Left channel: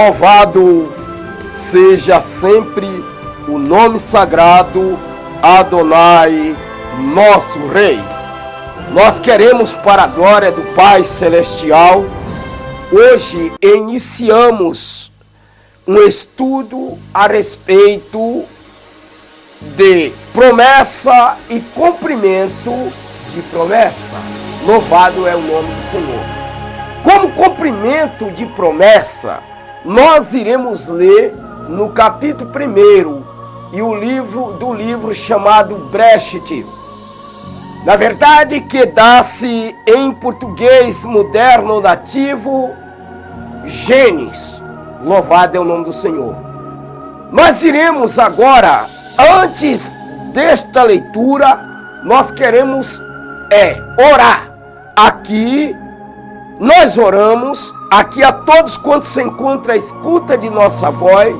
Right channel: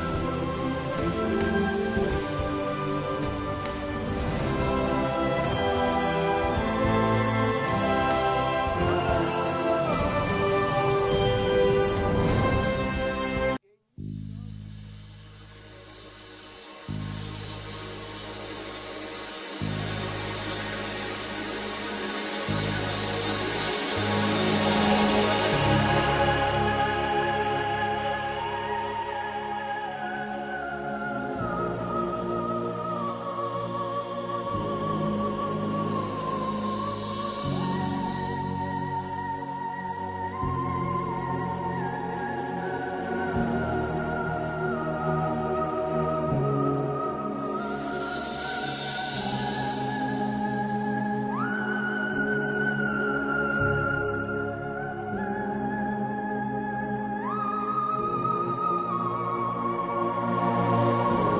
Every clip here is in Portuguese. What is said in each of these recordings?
Louvado seja sempre o nome sagrado Adonai, nosso Rei. Nós queremos, para a glória do Pai Celestial, hoje iniciamos um estudo a respeito de promessa e cumprimento de promessa. Louvado é o nome do Senhor. Como cumprimento de promessa, nós iremos ler no capítulo 1 e o livro chamado Breshit. Na verdade, que dá-se em português moderno nativo, Gênesis. Louvado é o nome do Senhor. Nós iremos agora, antes desta leitura, nós queremos orar. Aqui nós oramos, aqui a todos quantos se encontram à escuta de nossa voz,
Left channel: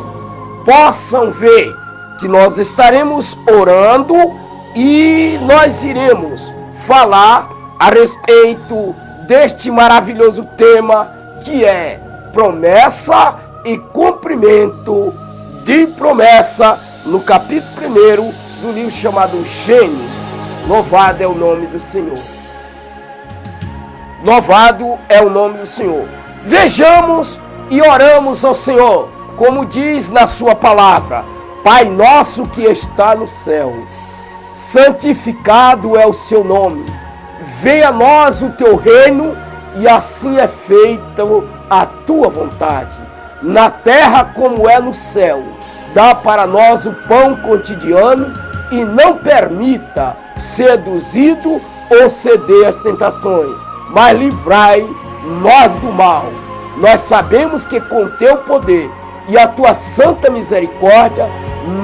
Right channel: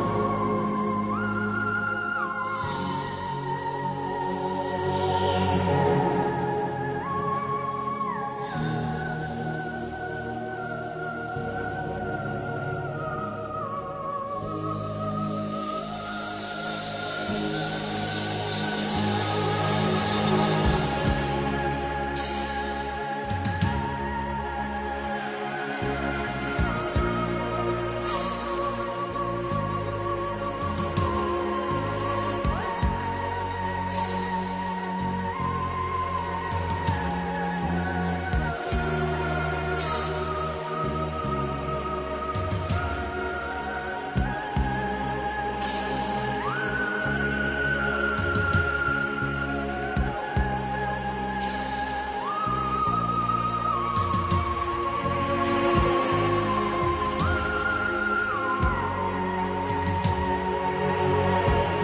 possam ver que nós estaremos orando e nós iremos falar a respeito deste maravilhoso tema que é promessa e cumprimento de promessa, no capítulo 1 do livro chamado Gênesis. Louvado é o nome do Senhor. Louvado é o nome do Senhor. Vejamos e oramos ao Senhor, como diz na sua palavra: Pai nosso que está no céu, santificado é o seu nome. Venha a nós o teu reino, e assim é feita a tua vontade, na terra como é no céu. Dá para nós o pão cotidiano e não permita seduzido ou ceder às tentações, mas livrai nós do mal. Nós sabemos que com teu poder e a tua santa misericórdia,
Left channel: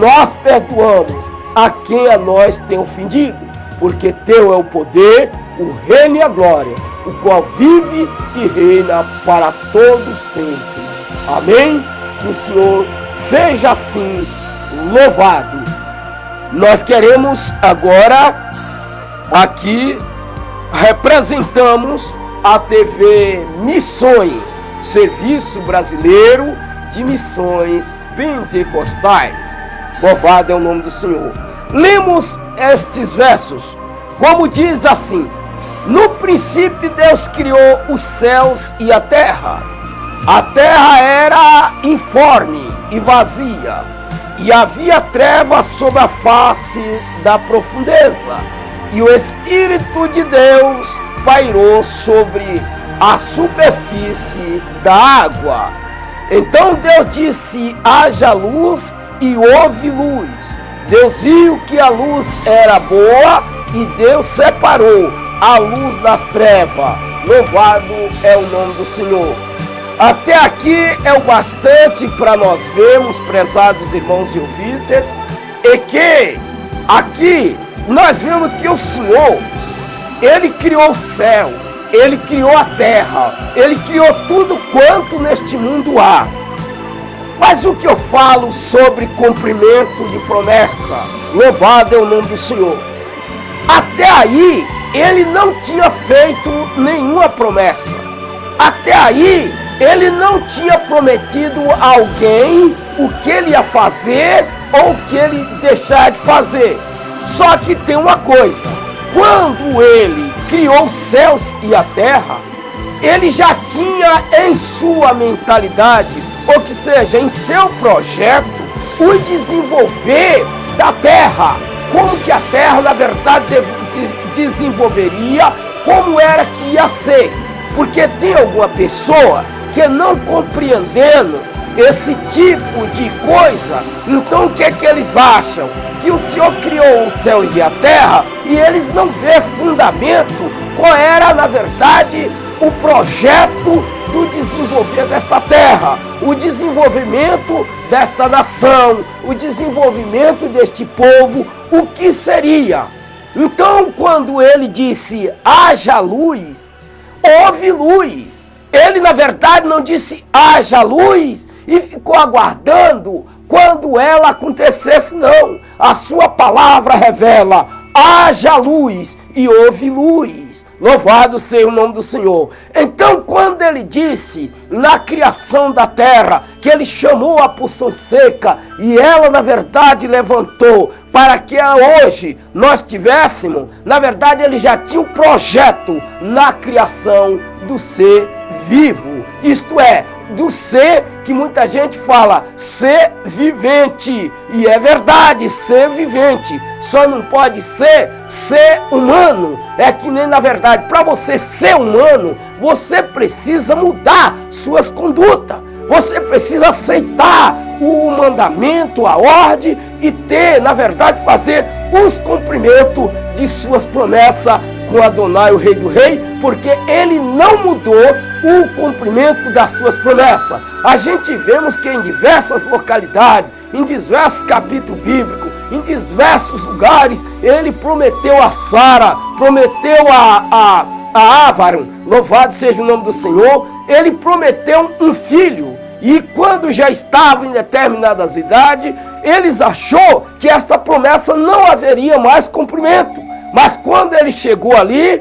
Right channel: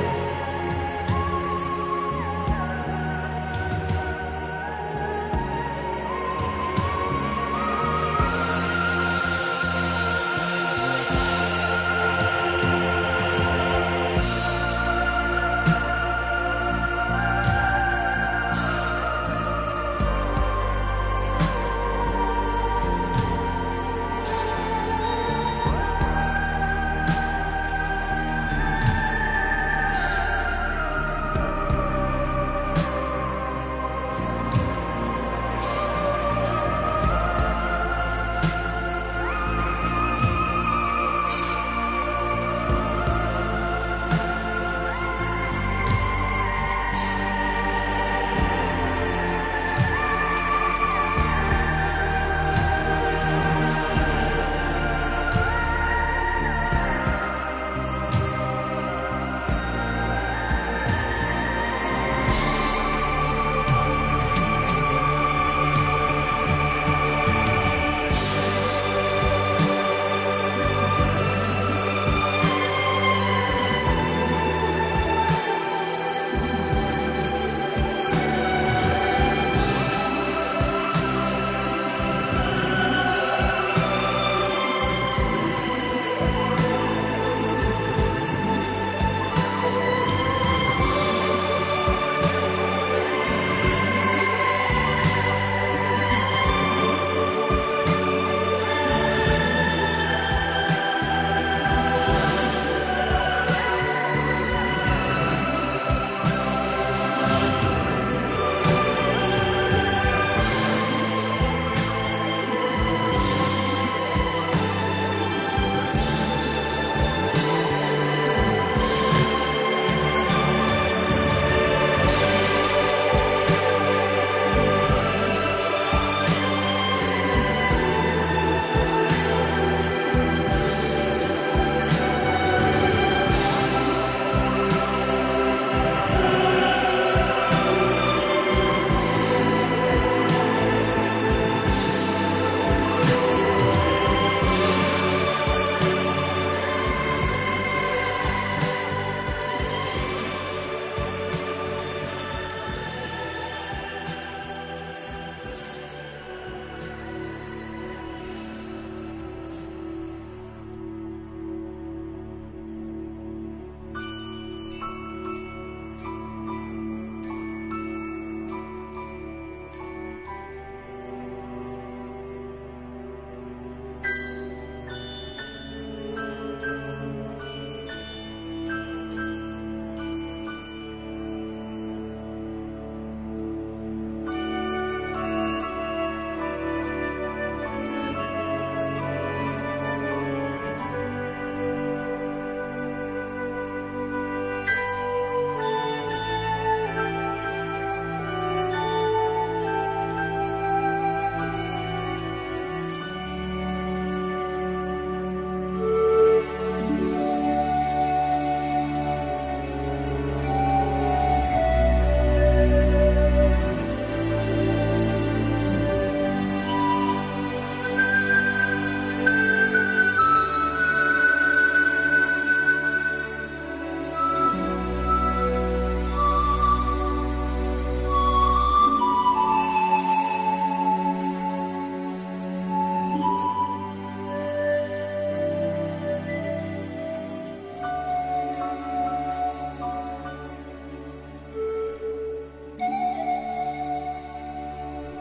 nós perdoamos a quem a nós tem ofendido, porque teu é o poder, o reino e a glória, o qual vive e reina para todos sempre. Amém? Que o Senhor seja assim louvado. Nós queremos agora aqui representamos a TV Missões, Serviço Brasileiro de Missões Pentecostais. Louvado é o nome do Senhor. Lemos estes versos, como diz assim: no princípio Deus criou os céus e a terra. A terra era informe e vazia, e havia trevas sobre a face da profundeza, e o Espírito de Deus pairou sobre a superfície da água. Então Deus disse: haja luz, e houve luz. Deus viu que a luz era boa, e Deus separou a luz das trevas. Louvado é o nome do Senhor. Até aqui é o bastante para nós vermos, prezados irmãos e ouvintes, e que aqui nós vemos que o Senhor, Ele criou o céu, Ele criou a terra, Ele criou tudo quanto neste mundo há. Mas o que eu falo sobre cumprimento de promessa, louvado é o nome do Senhor. Até aí, Ele não tinha feito nenhuma promessa. Até aí, Ele não tinha prometido a alguém o que Ele ia fazer ou o que Ele deixar de fazer. Só que tem uma coisa: quando Ele criou os céus e a terra, Ele já tinha em sua mentalidade, ou que seja, em seu projeto, o desenvolver da terra, como que a terra na verdade desenvolveria, como era que ia ser. Porque tem alguma pessoa que não compreendendo esse tipo de coisa, então o que é que eles acham? Que o Senhor criou os céus e a terra e eles não vê fundamento qual era na verdade o projeto do desenvolvimento desta terra, o desenvolvimento desta nação, o desenvolvimento deste povo, o que seria. Então quando ele disse haja luz, houve luz. Ele na verdade não disse haja luz e ficou aguardando quando ela acontecesse, não. A sua palavra revela: haja luz e houve luz. Louvado seja o nome do Senhor. Então, quando ele disse na criação da terra que ele chamou a porção seca e ela, na verdade, levantou para que hoje nós tivéssemos, na verdade, ele já tinha um projeto na criação do ser vivo. Isto é, do ser que muita gente fala, ser vivente. E é verdade, ser vivente. Só não pode ser humano. É que nem, na verdade, para você ser humano, você precisa mudar suas condutas. Você precisa aceitar o mandamento, a ordem e ter, na verdade, fazer os cumprimentos de suas promessas com Adonai, o Rei do Rei, porque ele não mudou o cumprimento das suas promessas. A gente vemos que em diversas localidades, em diversos capítulos bíblicos, em diversos lugares, ele prometeu a Sara, prometeu a Ávaron, louvado seja o nome do Senhor, ele prometeu um filho. E quando já estava em determinadas idades, eles achou que esta promessa não haveria mais cumprimento. Mas quando ele chegou ali,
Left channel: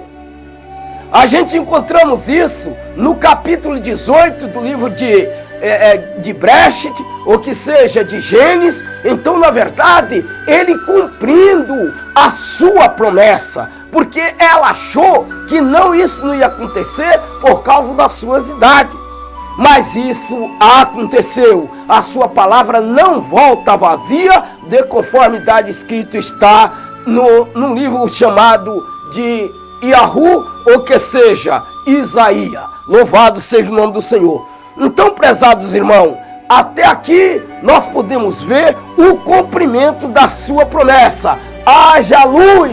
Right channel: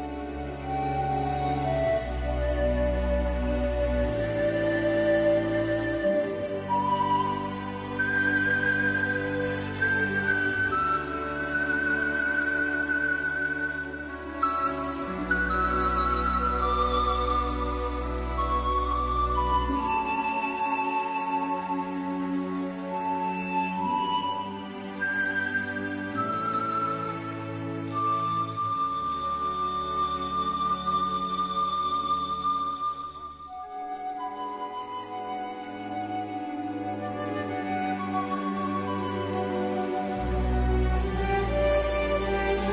a gente encontramos isso no capítulo 18 do livro de Breshit, ou que seja, de Gênesis. Então, na verdade, ele cumprindo a sua promessa, porque ela achou que isso não ia acontecer por causa das suas idades. Mas isso aconteceu. A sua palavra não volta vazia, de conformidade escrito está num livro chamado de Iahu, ou que seja, Isaías. Louvado seja o nome do Senhor. Então, prezados irmãos, até aqui nós podemos ver o cumprimento da sua promessa. Haja luz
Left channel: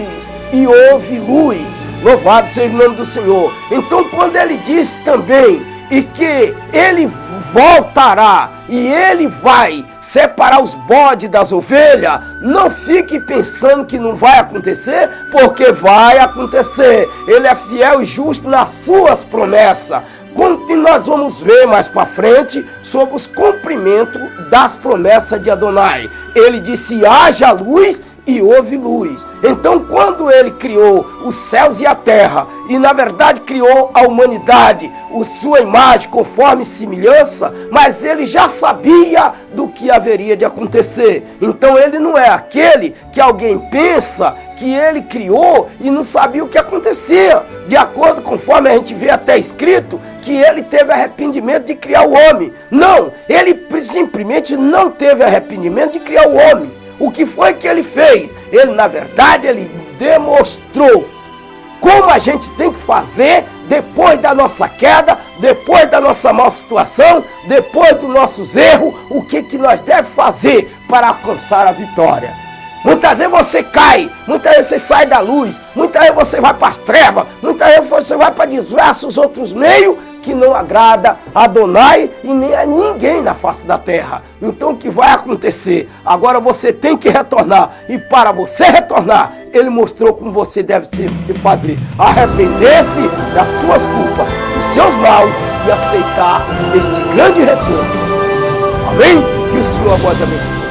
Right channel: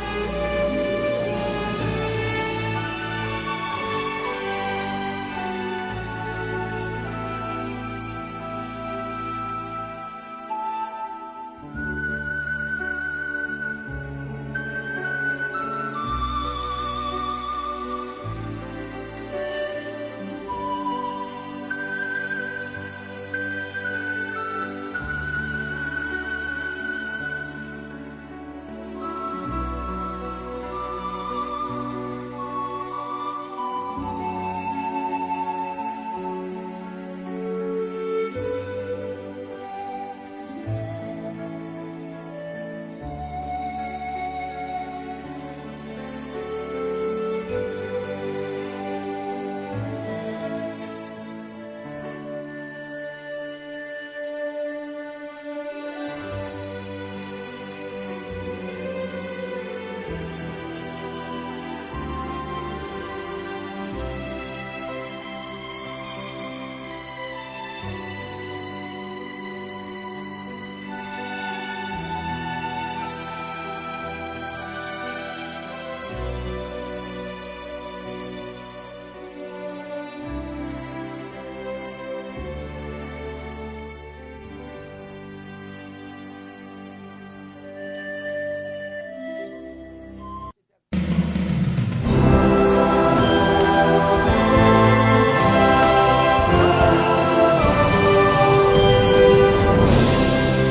e houve luz. Louvado seja o nome do Senhor. Então, quando ele disse também e que ele voltará e ele vai separar os bodes das ovelhas, não fique pensando que não vai acontecer, porque vai acontecer. Ele é fiel e justo nas suas promessas. Como que nós vamos ver mais para frente sobre os cumprimentos das promessas de Adonai. Ele disse: haja luz e houve luz. Então, quando ele criou os céus e a terra, e na verdade criou a humanidade, sua imagem conforme semelhança, mas ele já sabia do que haveria de acontecer. Então ele não é aquele que alguém pensa que ele criou e não sabia o que acontecia. De acordo conforme a gente vê até escrito, que ele teve arrependimento de criar o homem. Não, ele simplesmente não teve arrependimento de criar o homem. O que foi que ele fez? Ele, na verdade, ele demonstrou como a gente tem que fazer depois da nossa queda, depois da nossa má situação, depois dos nossos erros, o que nós devemos fazer para alcançar a vitória. Muitas vezes você cai, muitas vezes você sai da luz, muitas vezes você vai para as trevas, muitas vezes você vai para diversos outros meios que não agrada a Adonai e nem a ninguém na face da terra. Então o que vai acontecer? Agora você tem que retornar, e para você retornar, ele mostrou como você deve fazer: arrepender-se das suas culpas, dos seus maus, e aceitar este grande retorno. Amém? E o Senhor pode abençoar.